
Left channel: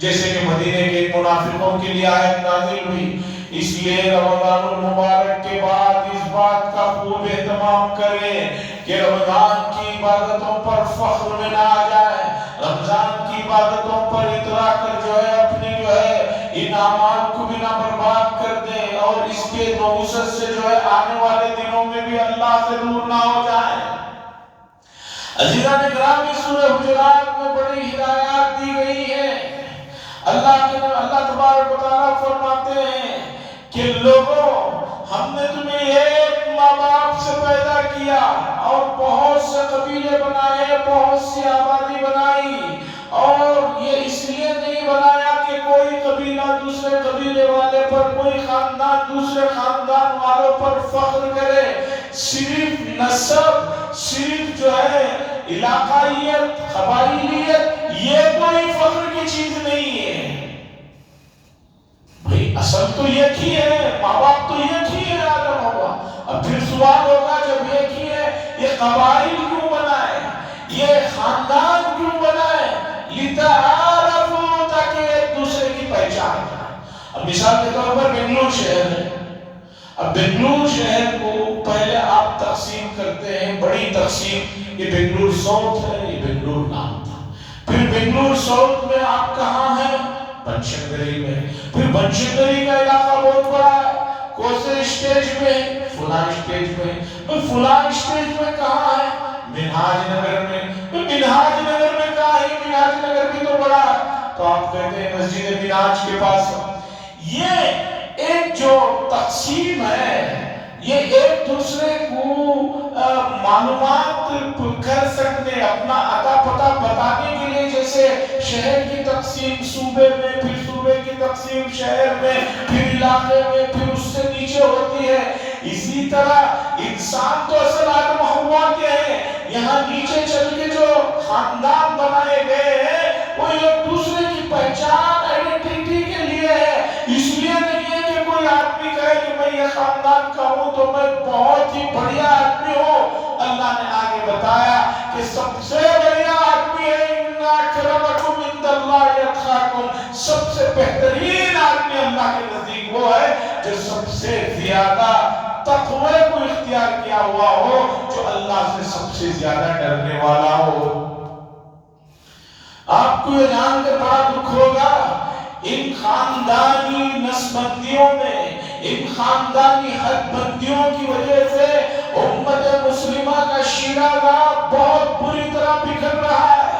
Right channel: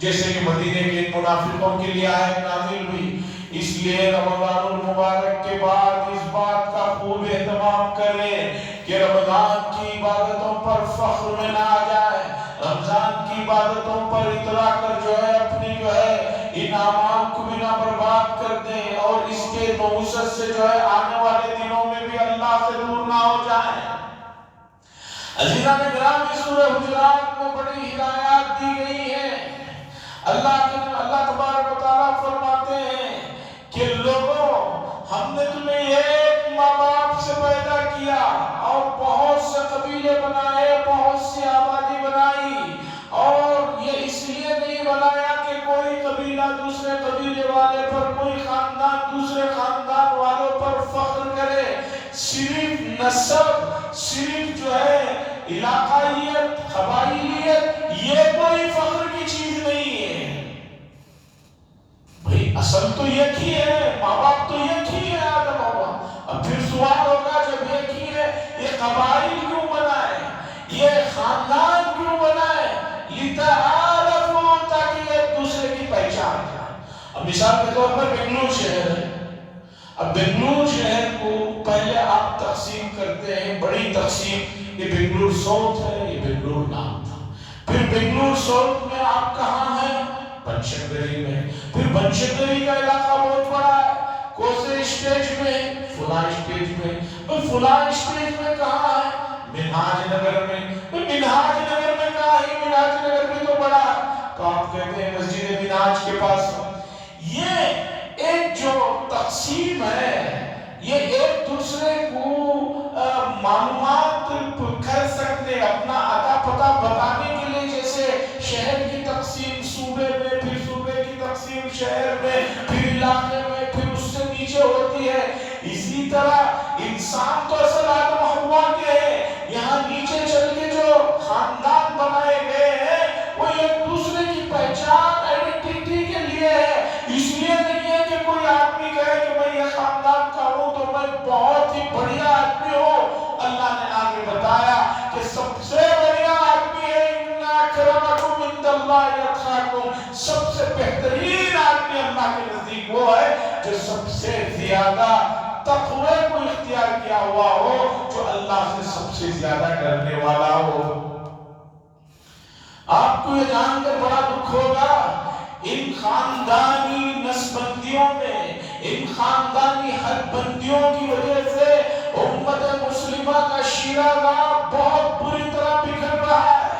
جیسے کہ مدینے کے منافقوں کے لیے آیت نازل ہوئی، اس لیے رمضان المبارک کے بعد اس بات کا خوب اہتمام کریں کہ رمضان کی عبادتوں پر فخر میں نہ آ جائے، رمضان کی عبادتوں پر اترا کر جو ہے اپنی جو ہے ان اعمال کو بھی نہ برباد کر دیں، اور اس کے نحوست سے جو ہے آنے والے دنوں میں بھی اللہ سے دور نہ ہو جائیں۔ عزیزان گرامی، سورہ حجرات میں بڑی ہدایات دی گئی ہیں۔ اللہ تبارک و تعالیٰ فرماتے ہیں کہ لوگوں ہم نے تمہیں ایک ماں باپ سے پیدا کیا اور بہت سے قبیلے بنائے، بہت سی آبادی بنائی، اور یہ اس لیے نہیں بنایا کہ کوئی قبیلہ دوسرے قبیلے والے پر، کوئی خاندان دوسرے خاندان والوں پر فخر کرے، صرف نسب، صرف جو ہے علاقائیت، قبائلیت، یہ کوئی فخر کی چیز نہیں ہے۔ بھئی اصل تو ایک ہی ہے، ماں باپ تو ایک ہی ہے، آدم ہوا۔ اب پھر سوال ہوگا جب ایک ہی ہے، یہ قبائل کیوں بنائے، یہ خاندان کیوں بنائے؟ لِتَعَارَفُوا، تاکہ ایک دوسرے کی پہچان کریں۔ اب مثال کے طور پر بنگلور شہر ہے، اب بنگلور شہر کو پہلے آپ تقسیم کرتے ہیں، بڑی تقسیم، یہ بنگلور ساؤتھ ہے، یہ بنگلور نارتھ ہے۔ پھر بنگلور ساؤتھ میں آپ کہاں ہیں؟ بنشنکری میں۔ پھر بنشنکری کا علاقہ بہت بڑا ہے، کوسے اسٹیج میں، فلاں اسٹیج میں۔ پھر فلاں اسٹیج میں کہاں ہے؟ منہاج نگر میں۔ پھر منہاج نگر میں کہاں ہے؟ منہاج نگر بھی تو بڑا ہے، تو آپ کہتے ہیں مسجد منہاج کے پاس۔ یہ ایک جو تقسیم ہے، یہ ایک دوسرے کو معلومات کر سکتے، اپنا عطا پتہ بتانے کے لیے، جیسے شہر کی تقسیم صوبے میں، پھر صوبے کی تقسیم شہر میں، پھر علاقے میں، پھر اس سے نیچے اسی طرح انسان تو اصل آدم حوا کے ہیں، یہاں نیچے چل کے جو خاندان بنائے گئے ہیں وہ ایک دوسرے کی پہچان آئیڈینٹی کے لیے ہے، اس لیے نہیں ہے کہ کوئی آدمی کہے کہ میں یہ خاندان کا ہوں تو میں بہت ہی بڑھیا آدمی ہوں۔ اللہ نے آگے بتایا کہ سب سے بڑھیا آدمی ہے ان اکرمکم عند اللہ اتقاکم، سب سے بہترین آدمی اللہ کے نزدیک وہ ہے جو سب سے زیادہ تقوی کو اختیار کیا ہوا ہو، جو اللہ سے سب سے زیادہ ڈرنے والا ہو۔ آپ کو یہ جان کر بڑا دکھ ہوگا، ان خاندانی نسبندیوں میں، ان خاندانی حد بندیوں کی وجہ سے امت مسلمہ کا شیرازہ بہت بری طرح بکھر رہا ہے۔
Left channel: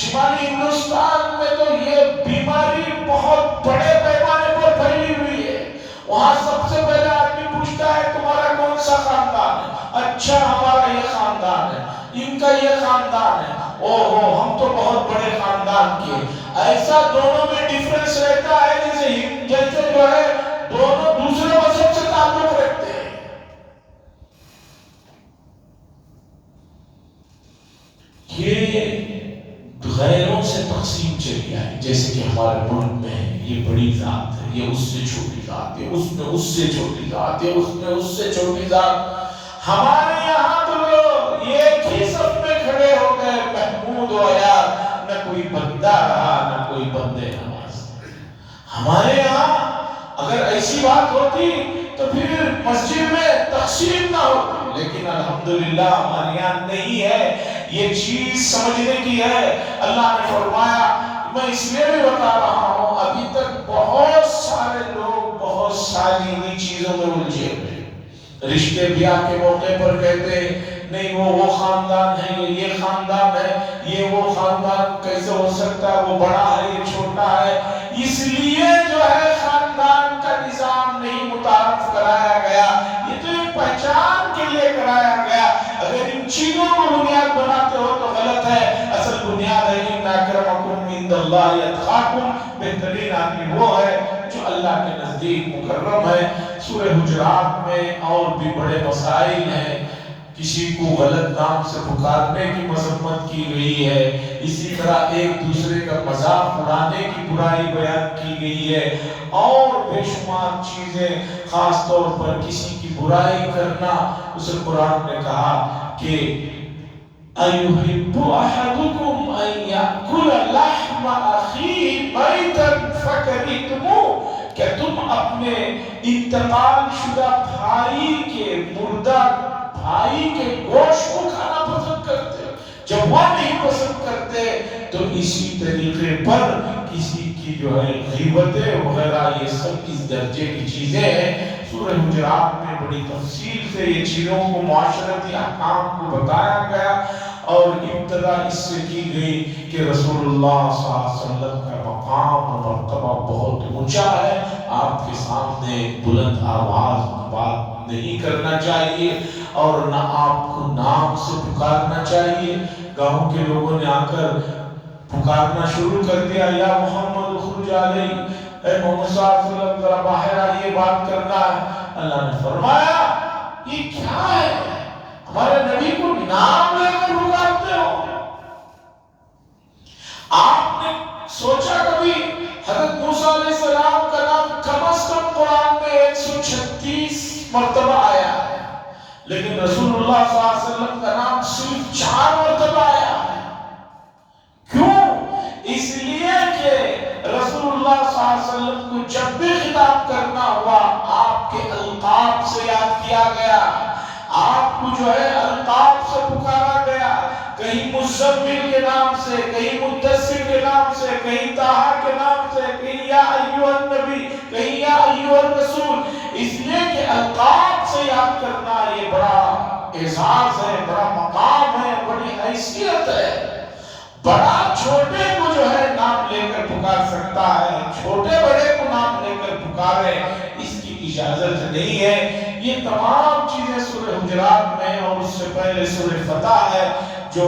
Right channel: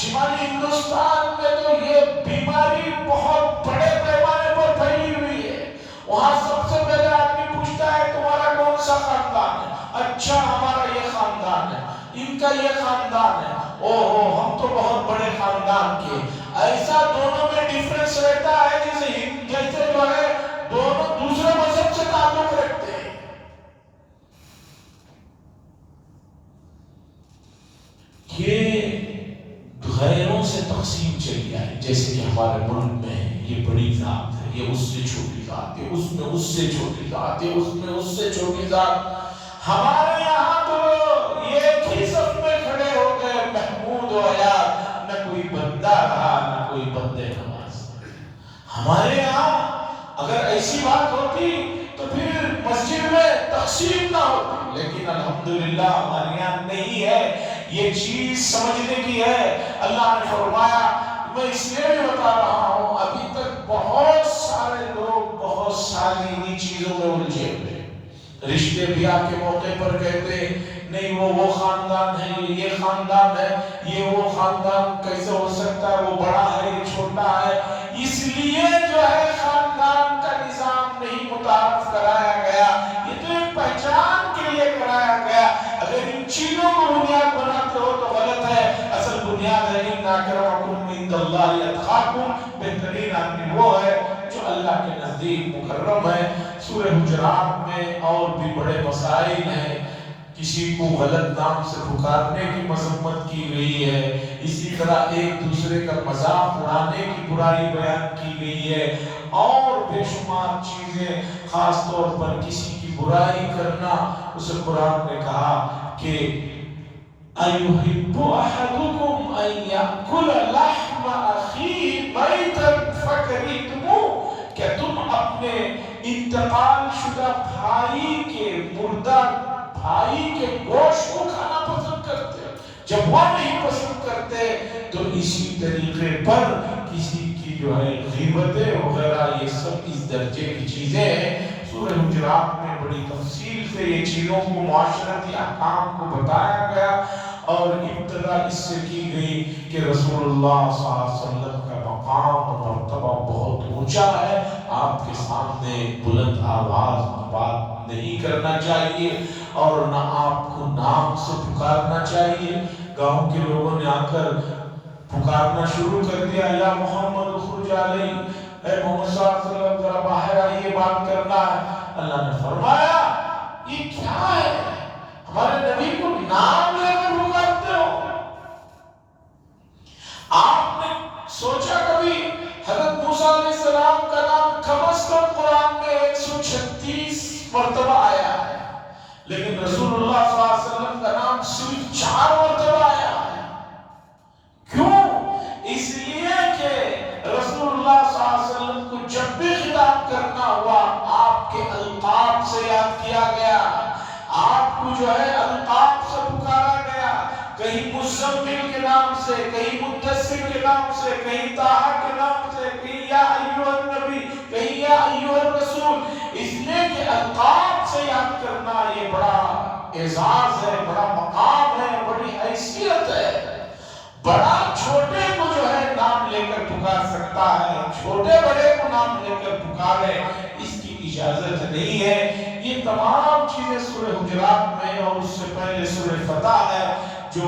شمالی ہندوستان میں تو یہ بیماری بہت بڑے پیمانے پر پھیلی ہوئی ہے۔ وہاں سب سے پہلے آدمی پوچھتا ہے تمہارا کون سا خاندان ہے؟ اچھا ہمارا یہ خاندان ہے، ان کا یہ خاندان ہے، اوہو ہم تو بہت بڑے خاندان کے۔ ایسا دونوں میں ڈیفرنس رہتا ہے جیسے جو ہے دونوں دوسرے مذہب سے تعلق رکھتے ہیں۔ یہ غیروں سے تقسیم چل گیا ہے، جیسے کہ ہمارے ملک میں ہے یہ بڑی ذات ہے، یہ اس سے چھوٹی ذات ہے، اس میں اس سے چھوٹی ذات ہے، اس میں اس سے چھوٹی ذات۔ ہمارے یہاں تو لوگ ایک ہی صف میں کھڑے ہو گئے، محمود و یار، نہ کوئی بندہ رہا نہ کوئی بندے نماز۔ ہمارے یہاں اگر ایسی بات ہوتی تو پھر مسجد میں تقسیم نہ ہوتی، لیکن الحمدللہ ہمارے یہاں نہیں ہے۔ یہ چیز سمجھنے کی ہے۔ اللہ نے فرمایا، میں اس لیے بھی بتا رہا ہوں، ابھی تک بہت سارے لوگ بہت ساری انہی چیزوں میں الجھے ہوئے، رشتے بیاہ کے موقع پر کہتے نہیں وہ خاندان ہے، یہ خاندان ہے، یہ وہ خاندان کیسے ہو سکتا ہے، وہ بڑا ہے یہ چھوٹا ہے۔ اس لیے جو ہے خاندان کا نظام نہیں متعارف کرایا گیا، یہ تو ایک پہچان کے لیے کرایا گیا۔ اگر ان چیزوں کو بنیاد بناتے ہو تو غلط ہے۔ اصل بنیاد ہے ان اکرمکم عند اللہ اتقاکم، بہترین آدمی وہ ہے جو اللہ کے نزدیک مکرم ہے۔ سورہ حجرات میں اور بھی بڑے مسائل ہیں، کسی کو غلط نام سے پکارنے کی مذمت کی گئی ہے، اسی طرح ایک دوسرے کا مذاق اڑانے کی برائی بیان کی گئی ہے، اور بے شمار چیزیں، خاص طور پر کسی کی برائی کرنا۔ اسے قرآن نے کہا کہ أَيُحِبُّ أَحَدُكُمْ أَن يَأْكُلَ لَحْمَ أَخِيهِ مَيْتًا فَكَرِهْتُمُوهُ، کہ تم اپنے انتقال شدہ بھائی کے، مردہ بھائی کے گوشت کو کھانا پسند کرتے ہو۔ جب وہ نہیں پسند کرتے تو اسی طریقے پر کسی کی جو ہے غیبتیں وغیرہ یہ سب اس درجے کی چیزیں ہیں۔ سورہ حجرات میں بڑی تفصیل سے یہ چیزوں کو، معاشرتی احکام کو بتایا گیا، اور ابتدا اس سے کی گئی کہ رسول اللہ صلی اللہ علیہ وسلم کا مقام اور مرتبہ بہت اونچا ہے، آپ کے سامنے بلند آواز میں بات نہیں کرنا چاہیے، اور نہ آپ کو نام سے پکارنا چاہیے۔ گاؤں کے لوگوں نے آ کر پکارنا شروع کر دیا، یا محمد خرج علی، اے محمد صلی اللہ علیہ وسلم ذرا باہر آئیے، بات کرنا ہے۔ اللہ نے فرمایا یہ کیا ہے، ہمارے نبی کو نام لے کر پکارتے ہو؟ آپ نے سوچا کبھی حضرت موسیٰ علیہ السلام کا نام کم از کم قرآن میں 136 مرتبہ آیا ہے، لیکن رسول اللہ صلی اللہ علیہ وسلم کا نام صرف 4 مرتبہ آیا ہے۔ کیوں؟ اس لیے کہ رسول اللہ صلی اللہ علیہ وسلم کو جب بھی خطاب کرنا ہوا آپ کے القاب سے یاد کیا گیا، آپ کو جو ہے القاب سے پکارا گیا، کہیں مزمل کے نام سے، کہیں مدثر کے نام سے، کہیں طٰہٰ کے نام سے، کہیں یا ایھا النبی، کہیں یا ایھا الرسول۔ اس لیے کہ القاب سے یاد کرنا یہ بڑا اعزاز ہے، بڑا مقام ہے، بڑی حیثیت ہے۔ بڑا چھوٹے کو جو ہے نام لے کر پکار سکتا ہے، چھوٹے بڑے کو نام لے کر پکارے اس کی اجازت نہیں ہے۔ یہ تمام چیزیں سورہ حجرات میں، اور اس سے پہلے سورہ فتح ہے جو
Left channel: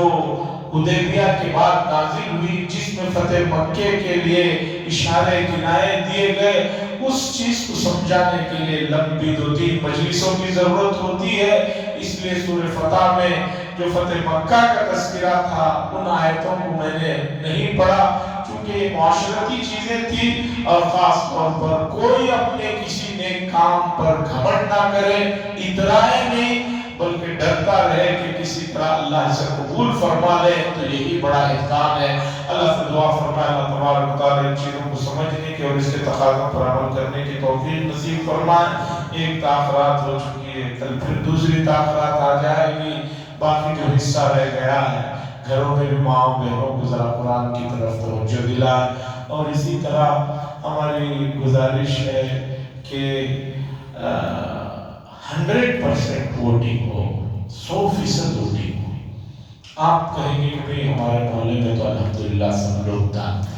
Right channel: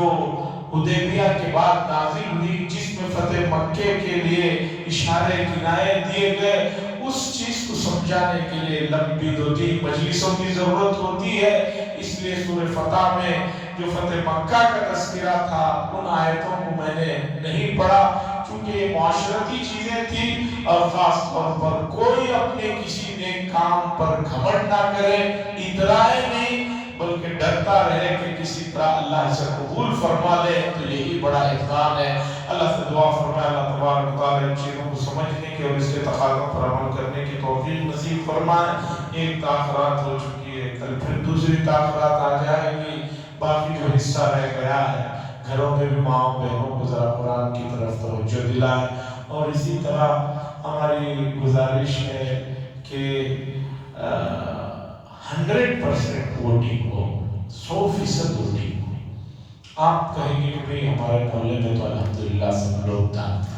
حدیبیہ کے بعد نازل ہوئی، جس میں فتح مکے کے لیے اشارے کنایے دیے گئے۔ اس چیز کو سمجھانے کے لیے لمبی 2-3 مجلسوں کی ضرورت ہوتی ہے. اس لیے سورہ فتح میں جو فتح مکہ کا تذکرہ تھا ان آیتوں کو میں نے نہیں پڑھا کیونکہ یہ معاشرتی چیزیں تھی اور خاص طور پر کوئی اپنے کسی نیک کام پر گھمنڈ نہ کرے, اترائے نہیں, بلکہ ڈرتا رہے کہ کسی طرح اللہ اسے قبول فرما لے تو یہی بڑا احسان ہے. اللہ سے دعا فرمائے اللہ تبارک و تعالی ان چیزوں کو سمجھنے کی اور اس کے تقاضوں پر عمل کرنے کی توفیق نصیب فرمائے. ایک تاخرات ہو چکی ہے, کل پھر دوسری تاخرات آ جائے گی. باقی جو حصہ رہ گیا ہے گھروں میں بھی ماں بہنوں کو ذرا قرآن کی طرف توجہ دلائیں. اور اسی طرح ہماری گزارش ہے کہ 100% ووٹنگ ہو, 100% ووٹنگ ہو. آپ کہیں گے کہ بھئی ہمارے محلے میں تو الحمدللہ سب لوگ دانتے ہیں.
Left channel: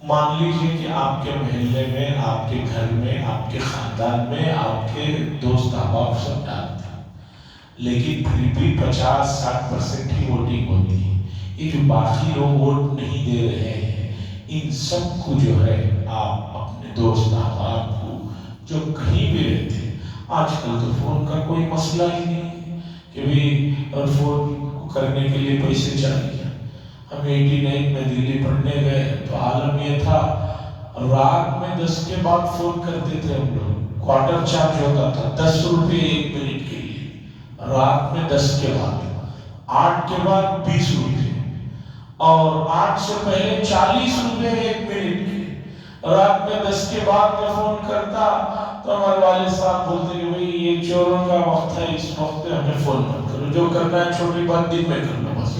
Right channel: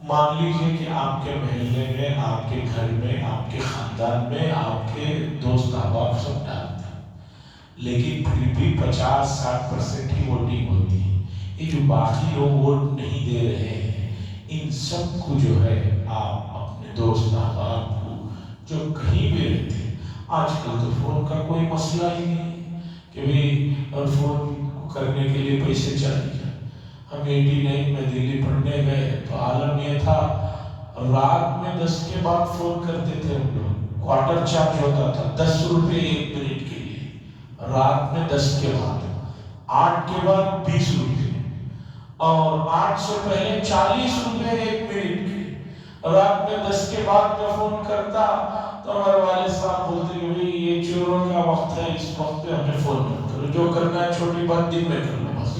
مان لیجئے کہ آپ کے محلے میں, آپ کے گھر میں, آپ کے خاندان میں, آپ کے دوست احباب سب ڈالتے ہیں, لیکن پھر بھی 50-60% ہی ووٹنگ ہوتی ہے. یہ جو باقی لوگ ووٹ نہیں دے رہے ہیں ان سب کو جو ہے آپ اپنے دوست احباب کو جو کہیں بھی رہتے ہیں, آج کل تو فون کا کوئی مسئلہ ہی نہیں کہ بھی اور فون کرنے کے لیے پیسے چاہیے. ہم 89 میں دلی پڑھنے گئے تو عالم یہ تھا رات میں 10 کے بعد فون کرتے تھے ہم لوگ, کوارٹر چارج ہوتا تھا 10 روپے 1 منٹ کے لیے. رات میں 10 کے بعد, 8 کے بعد 20 روپے, اور 8 سے پہلے 40 روپے 1 منٹ کے. رات میں 10 کے بعد میں فون کرتا تو ہمارے والد صاحب بولتے کہ بھئی یہ چوروں کا وقت ہے, اس وقت پہ ہمیں فون مت کرو, جو کرنا ہے چھوٹی بات دن میں کر لو بس.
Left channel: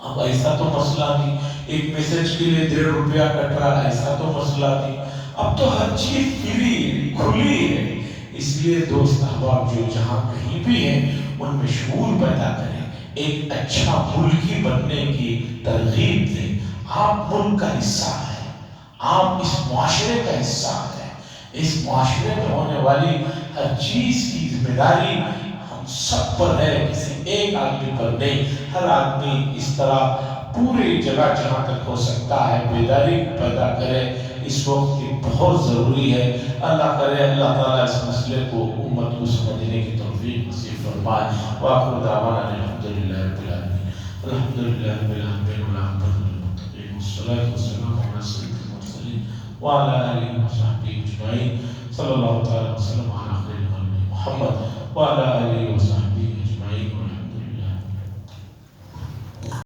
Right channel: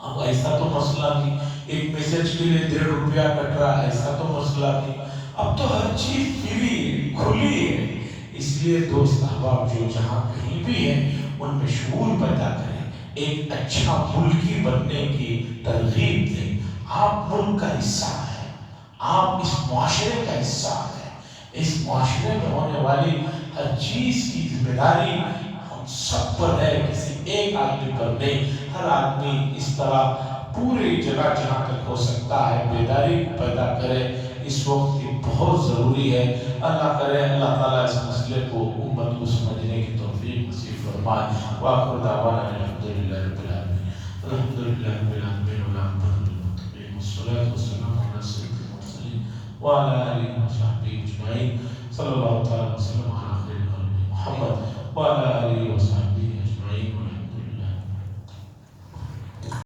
اب ایسا تو مسئلہ نہیں, ایک میسج کے لیے 1.5 روپیہ کٹ رہا, ایسا تو مسئلہ نہیں. اب تو ہر چیز فری کھلی ہے. اس لیے دوست احباب جو جہاں کہیں بھی ہیں ان میں شعور پیدا کریں, ایک اچھا ملکی بننے کی ترغیب دیں. آپ ملک کا حصہ ہیں, آپ اس معاشرے کا حصہ ہیں. اس معاشرے میں ہونے والی ہر چیز کی ذمہ داری ہم سب پر ہے, کسی ایک آدمی پر نہیں. ہر آدمی اس طرح پوری جگہ جہاں تک ہو سکتا ہے بیداری پیدا کرے. اس وقت کی بہت ضروری ہے. اللہ کرے اللہ تعالیٰ اس مسئلے کو امت کو سمجھنے کی توفیق نصیب فرمائے. وآخر دعوانا الحمدللہ رب العالمین. الحمدللہ رب العالمین والعاقبۃ للمتقین والصلاۃ والسلام علی سیدنا المرسلین وعلی آلہ وصحبہ اجمعین. صلی اللہ تعالی وسلم علی خیر خلقہ محمد وعلی آلہ وصحبہ